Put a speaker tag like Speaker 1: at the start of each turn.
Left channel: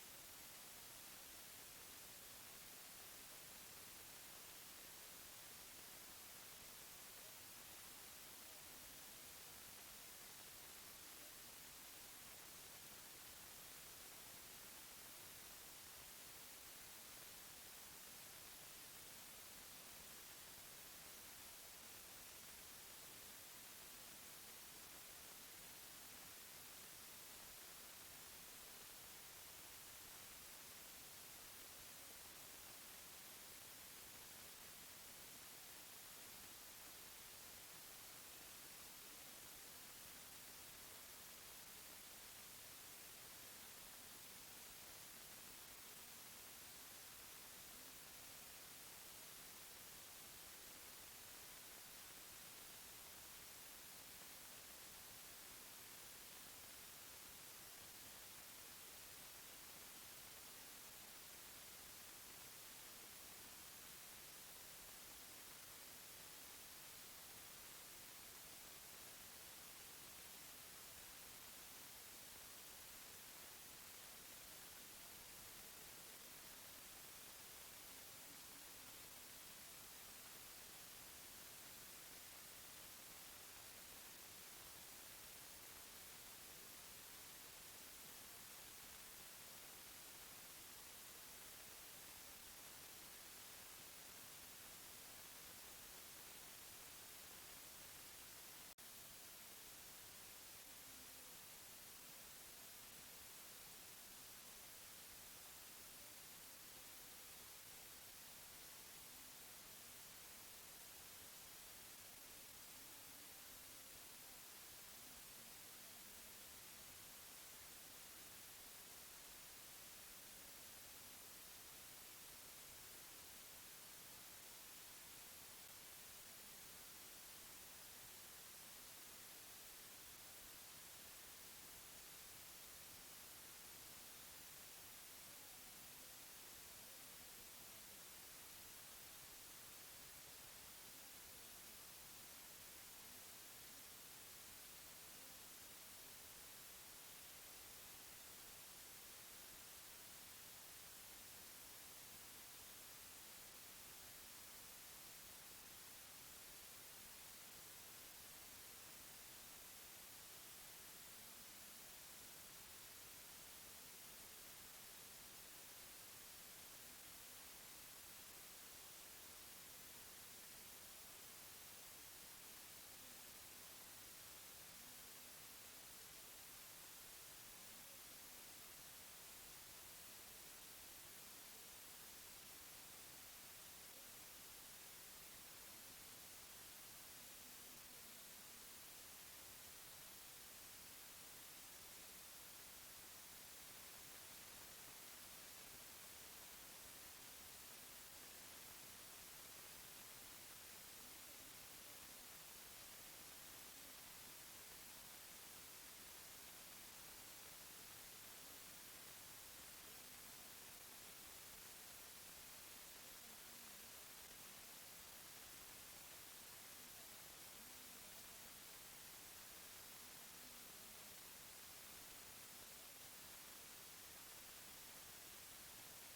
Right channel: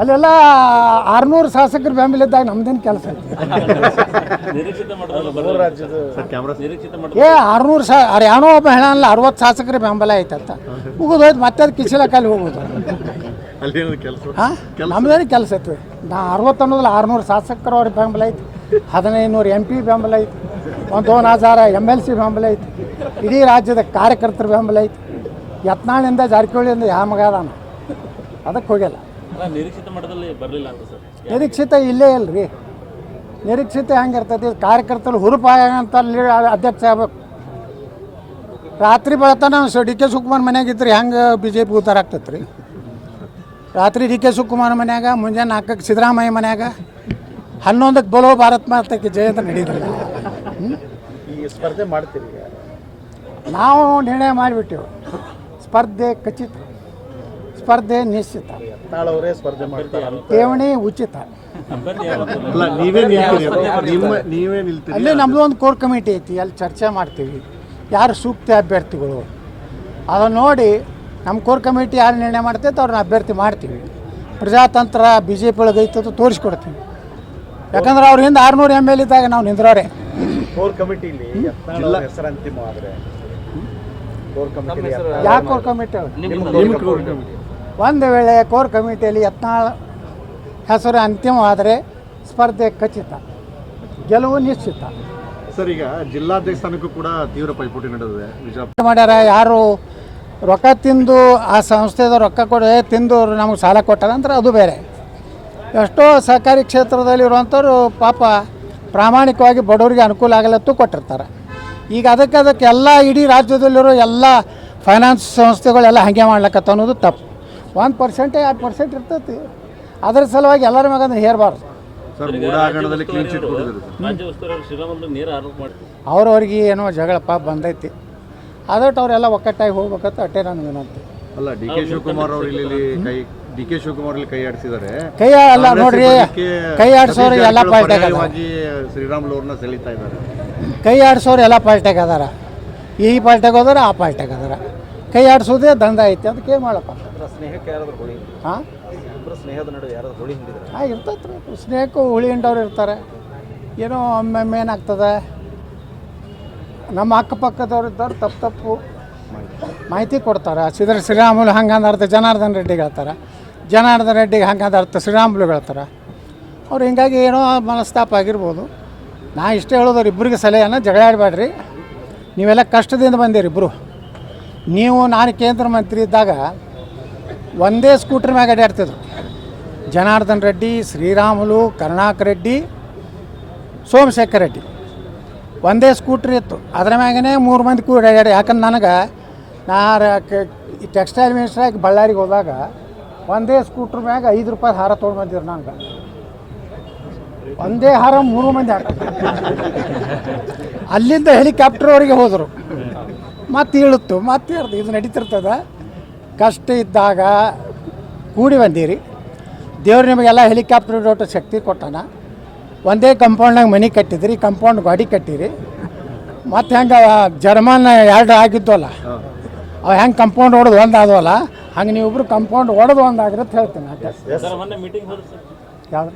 Speaker 1: ಅಲ್ಲೆಲ್ಲ ಆರ್ನೂರು ಶಾಸಕರು ಬೆಂಬಲ ಇದ್ದಾಗ ನಮ್ದೇನು ಕೆಲಸ ಐತಿ ಏ ಆರ್ನೂರು ಸಾ ಅವ್ರು ಯಾವನೋ ಒಬ್ಬ ಹೇಳಲ್ಲ ಅರವತ್ತು ಶಾಸಕರ ಬೆಂಬಲ ಐತಂತ. ಮುಗಿದು ಹೋಯ್ತು ಮತ್ತೆ ಅದು ಹೋಗೋದು.
Speaker 2: ಅಲ್ಲಿ ಏನದು ಕೆಲಸ?
Speaker 1: ಹಾಂ? ನಮ್ದೇನು ಕೆಲಸ ಐತಿ ನಾ ಅರವತ್ತು ಅನ್ನೋದಿಲ್ಲ ಆರುನೂರು ಶಾಸಕರು ಅವ್ರಿಗೆ ಬೆಂಬಲ ಐತಿ. ಹದಿನೈದು ನೂರು ಎಂ ಪಿ ಬೆಂಬಲ ಐತಿ. ಒಂದು ಒಂದು ಹಜಾರ ಎಂ ಎಲ್ ಸಿ ಬೆಂಬಲ ಐತಿ. ಇಡೀ ರಾಜ್ಯದ ಕಾರ್ಯಕರ್ತರ ಬೆಂಬಲ ಐತಿ. ಯತ್ನಾಳಿಂದ ಜಾರಕಿಹೊಳಿಯಿಂದ ಯಾವ ಮಗ ಅದಾನ? ಅದಕ್ಕೆ ಹೋಗಿಲ್ಲ
Speaker 3: ನಿರೀಕ್ಷಿತ ಮಟ್ಟದಲ್ಲಿ ಬರಲಿಲ್ಲ ಅಂತ ಸರ್.
Speaker 1: ನಿರೀಕ್ಷಿತ ಇಲ್ಲೇ ಇಲ್ರಿ ನಿರೀಕ್ಷಿತ ಹೆಂಗಿರ್ತೈತಿ ಕಾರ್ಯಕರ್ತರು ಹುರುಪಾಗಂತ ಅಧ್ಯಕ್ಷ ಆಗ್ಬೇಕು. ರಾತ್ರಿ ಬೆಳತನ ಡಿ ಕೆ ಶಿವಕುಮಾರ್ ಮನ್ಯಾಗ ಇದ್ರಿ ಹೆಂಗೆ ಬಿ ಜೆ ಪಿ ಉತ್ತಾರ ಆಗ್ತೈತೆ ರೀ ರಾತ್ರಿ ಡಿ ಕೆ ಶಿವಕುಮಾರ್ ಮನ್ಯಾಗ ಮುಂಜಾನೆ ನಾಲ್ಕಕ್ಕೆ ಸಿದ್ದರಾಮಯ್ಯ ಮನ್ಯಾಗ ಹನ್ನೊಂದಕ್ಕೆ ಬಲೋ ಭಾರತ್ ಮಾತಕ್ಕೆ ಜಯಂತ ನಡೀತಿಲ್ಲ
Speaker 4: ಈ ಸ್ಪರ್ಧೆ ಮಾಡ್ತೀವಿ
Speaker 1: ನಾವು ನಿರ್ಣಯ ಮಾಡಿಬಿಟ್ಟೆವು. ಸ್ಪರ್ಧೆ ಖಚಿತ. ಸ್ಪರ್ಧೆ ನಿಶ್ಚಿತ.
Speaker 4: ನಾಳವರೇ ಸ್ಪರ್ಧೆ ಮಾಡ್ತಾರೆ
Speaker 1: ಠೇವಣಿ ಉಚಿತ.
Speaker 2: ಅಲ್ಲ ನೀವೇ ನಿಲ್ತೀರಿ ನಿಮ್ಮ ನೀವೇ ನಿಲ್ತೀರಿ
Speaker 1: ಅಲ್ಲಿ ನಮ್ಮದು ಒಂದು ಕೋರ್ ಕಮಿಟಿ ಐತಿ ಅಲ್ಲಿ ಚರ್ಚೆ ಮಾಡ್ತೀವಿ. ಯಾರು ಸೂಕ್ತ ಅಭ್ಯರ್ಥಿಗಳು? ಅದನ್ನು ನೋಡಿ ನಮ್ಮ ಕೋರ್ ಕಮಿಟಿ ಯಾರು ನಿರ್ಣಯ ಮಾಡ್ತೈತೆ ಅವ್ರನ್ನ ಅಭ್ಯರ್ಥಿ ಮಾಡ್ತೀವಿ. ಪ್ರಜಾತಂತ್ರ ಬಿ ಜೆ ಪಿ ಒಳಗೆ ಐತದ ತೋರಿಸ್ಕೊಡ್ತೀವಿ ಯಾಕಂದ್ರೆ ಅವ್ರ ಹಿಂದೆ ಆರುನೂರು ಎಂ ಎಲ್ ಇದ್ದಾಗ ನಾವು ನಿಂದ್ರವ್ರೆ
Speaker 4: ಕೋರ್ ಕಮಿಟಿಲಿ ಹೆಸರು ಕೋರ್ ಕಮಿಟಿ
Speaker 1: ಯಾಕೆ ಕೋರ್ ಕಮಿಟಿ
Speaker 2: ನಿಮ್ಮ ಕೋರ್ ಕಮಿಟಿ.
Speaker 1: ಒಂದು ವೇಳೆ ಕೋರ್ ಕಮಿಟಿಯಲ್ಲಿ ಯತ್ನಾಳ್ ಹೆಸರು ಅಂತಿಮವಾದರೆ ಸ್ಪರ್ಧೆ ಖಚಿತ ಗೆಲುವು ನಿಶ್ಚಿತ.
Speaker 2: ಸರ್ ಈಗ ಜಿಲ್ಲಾಧ್ಯಕ್ಷ ಸ್ಥಾನಕ್ಕೂ ಕೂಡ ತೀವ್ರ ಪೈಪೋಟಿ ನಡೆದಿದೆ. ವಿಜಯಪುರ
Speaker 1: ಮಾಡ್ಯಾರ ಯಾರು ರೊಕ್ಕ ತಿಂದು ಆ ಸಂಸ್ಥೆದ ರೊಕ್ಕ ಕೊಡ ತಿಂದು ನಮಗೆ ಸಾಲ ಕೊಟ್ಟಾರ ಅಂದ್ರೆ ಅದು ಬೇರೆ. ಎಷ್ಟೋ ಸಹಕಾರಿ ಕ್ಷೇತ್ರದಲ್ಲಿ ಇರುವಂಥವ್ರು ಪಾಪ ಪ್ರಾಮಾಣಿಕವಾಗಿ ಬಡವರಿಗೆ ಅನುಕೂಲ ಆಗಲತ್ತು ಕೊಟ್ಟಿರ್ತಾರೆ. ಈಗ ಅದಕ್ಕೆ ಅದಕ್ಕೆ ಎಲ್ಲ ಇಡೀ ರಾಜ್ಯದಲ್ಲಿರೋ ಎಲ್ಲ ಫೈನಾನ್ಸ್ ಸಂಸ್ಥೆಗಳೆಲ್ಲ ಹಾಗೆ ಮಾಡ್ಲಕತ್ತ ಅನ್ನೋದು ತಪ್ಪು. ಒಂದು ಪರ್ಸೆಂಟ್ ಎರಡು ಪರ್ಸೆಂಟ್ ಇರ್ತೈತಿ. ಅದ್ರ ಸಲುವಾಗಿ ಎಲ್ಲರ ಮಗಂದ್ರೆ ಹೇರಬಾರ್ದು.
Speaker 2: ಸರ್ ಮೂಡ ಏನೋ ಕ್ಲೀನ್ ಪಾಪ ಕೊಟ್ಟಿದ್ದಾರೆ ಸರ್.
Speaker 3: ರಾಜ್ಯ ಉಸ್ತುವಾರಿ ಅವರು ಶ್ರೀರಾಮುಲು ನೇರ ಆರೋಪ ಮಾಡ್ತಾರೆ
Speaker 1: ಅವ್ರವ್ರಿಗೆ ಏನೋ ಜಗಳಪ್ಪ ಬಂದೈತಿ. ಅದಟ್ಟು ಅವರೆಲ್ಲ ಒಕ್ಕಟ್ಟಾಗಿ ಹೋಗ್ಬೇಕಂತ ಅಟ್ಟೆ ನಾನು ವಿನಂತಿ.
Speaker 2: ಅಲ್ಲ ಡಿ ಕೆ ಶಿವಕುಮಾರ್ ಅವರು ಇಲ್ಲಿ ಕೈ ಡಿ ಕೆ ಶಿವಕುಮಾರ್ ಇಲ್ಲಿ ಕೈ ಆಡಿಸಿದ್ದಾರೆ.
Speaker 1: ಕೈ ಅಲ್ಲ ನೋಡ್ರಿ ಕೈ ಆಡ್ಸೋರು ಎಲ್ಲ ಪಾರ್ಟ್ಯಾಗ
Speaker 2: ಶ್ರೀರಾಮುಲು ಅವ್ರನ್ನ ಸೆಳೀತಾ ಇದ್ದಾರೆ.
Speaker 1: ಕೈ ಆಡ್ಸೋರು ಎಲ್ಲ ಪಾರ್ಟ್ಯಾಗ ಅದಾರ. ಈ ಪಾರ್ಟ್ಯಾಗ ಹೋದಾರ ಆ ಪಾರ್ಟ್ಯಾಗ ಅದಾರ. ಕೈ ಆಡ್ಸೋದೇ ದಂಧ ಐತಿ ಅದಕ್ಕೆ ಏನು ಮಾಡಪ್ಪ?
Speaker 4: ಸ್ನೇಹಕ್ಕೆ ಯಾರಾದ್ರೂ ಹೊಳಿ?
Speaker 1: ಹಾಂ?
Speaker 4: ಇಬ್ಬರು ಸ್ನೇಹದ ನಡುವೆ ಯಾರಾದ್ರೂ ಹೊಳಿ ಹಿಂದಿದ್ರೆ?
Speaker 1: ಹಾಂ ಇರ್ತೈತೆ ರೀ. ಸ್ನೇಹಕ್ಕೂ ಹುಳಿ ಹಿಂಡವ್ರು ಇರ್ತಾರೆ. ಏನೋ ಒಮ್ಮೊಮ್ಮೆ ಏನಾಗ್ತದೆ? ನಮ್ಮ ಅಕ್ಕಪಕ್ಕದವ್ರು ಇದ್ದವ್ರು ತಪ್ಪು ತಪ್ಪು ಮಾಹಿತಿ ಕೊಡ್ತಾರೆ. ಸಿದ್ರ ಶ್ರೀರಾಮುಲು ಹಂಗಂದ ಅರ್ಥ ಜನಾರ್ದನ್ ರೆಡ್ಡಿಗೆ ಹೇಳ್ತಾರೆ. ಜನಾರ್ದನ್ ರೆಡ್ಡಿಗೆ ಹಂಗಂದ ಅರ್ಥ ಶ್ರೀರಾಮುಲು ಹೇಳ್ತಾರೆ. ಅವ್ರು ಹಿಂಗಾಗಿ ಏನೋ ಮನಸ್ತಾಪ ಆಗಿರ್ಬೋದು. ನಾ ಇಷ್ಟೇ ಹೇಳೋದವ್ರು ಇಬ್ಬರಿಗೆ ಸಲಹೆಯನ್ನು ಜಗಳ ಆಡಬೇಡ್ರಿ. ನೀವೆಲ್ಲ ಕಷ್ಟದಿಂದ ಬಂದಿರಿ ಇಬ್ಬರು ನೀವು ನಾನು ಕೇಂದ್ರ ಮಂತ್ರಿ ಇದ್ದಾಗ ಒಂದೇ ಸ್ಕೂಟ್ರ್ ಮ್ಯಾಗ ಅಡ್ಡಾಡ್ತಿದ್ರು ಜನಾರ್ದನ್ ರೆಡ್ಡಿ, ಶ್ರೀರಾಮುಲು, ಕರುಣಾಕರ್ ರೆಡ್ಡಿ, ಸೋಮಶೇಖರ್ ರೆಡ್ಡಿ. ಒಂದೇ ಸ್ಕೂಟ್ರ್ ಇತ್ತು. ಅದರ ಮ್ಯಾಗನೇ ಮೂರು ಮಂದಿ ಕೂಡ ಅಡ್ಡಾಡಿ ಯಾಕಂದ್ರೆ ನನಗೆ ನಾ ಟೆಕ್ಸ್ಟೈಲ್ ಮಿನಿಸ್ಟ್ರಾಗಿ ಬಳ್ಳಾರಿಗೆ ಹೋದಾಗ ಒಂದೇ ಸ್ಕೂಟ್ರ್ ಮ್ಯಾಗ ಐದು ರೂಪಾಯಿ ಹಾರ ತೊಗೊಂಡು ಬಂದಿದ್ರು ನಂಗೆ ಒಂದೇ ಹಾರ ಮೂರು ಮಂದಿ ಹಾಕ ಅಲ್ಲಿಂದ ಹೆಲಿಕಾಪ್ಟರ್ವರೆಗೆ ಹೋದರು. ಮತ್ತೆ ಇಳುತ್ತು, ಮತ್ತೆ ಇದು ನಡೀತಿರ್ತದ. ಕಷ್ಟ ಇದ್ದಾಗ ಕೂಡಿ ಬಂದೀರಿ. ದೇವ್ರು ನಿಮಗೆಲ್ಲ ಹೆಲಿಕಾಪ್ಟರ್ ಡೋಟ ಶಕ್ತಿ ಕೊಟ್ಟಾನ. ಒಂದೇ ಕಂಪೌಂಡ್ನಾಗ ಮನೆ ಕಟ್ಟಿದ್ರಿ ಕಂಪೌಂಡ್ ಗಾಡಿ ಕಟ್ಟಿರಿ. ಮತ್ತು ಹೆಂಗೆ ಜರ್ಮನ್ ಎರಡು ಆಗಿದ್ವಲ್ಲ ಅವು ಹೆಂಗೆ ಕಂಪೌಂಡ್ ಹೊಡೆದು ಒಂದು ಆದವಲ್ಲ ಹಂಗೆ ನೀವಿಬ್ರು ಕಂಪೌಂಡ್ ಹೊಡೆದು ಒಂದು ಆಗಿರುತ್ತೆ ಹೇಳ್ತೀನಿ. ಯಾವ್ದು?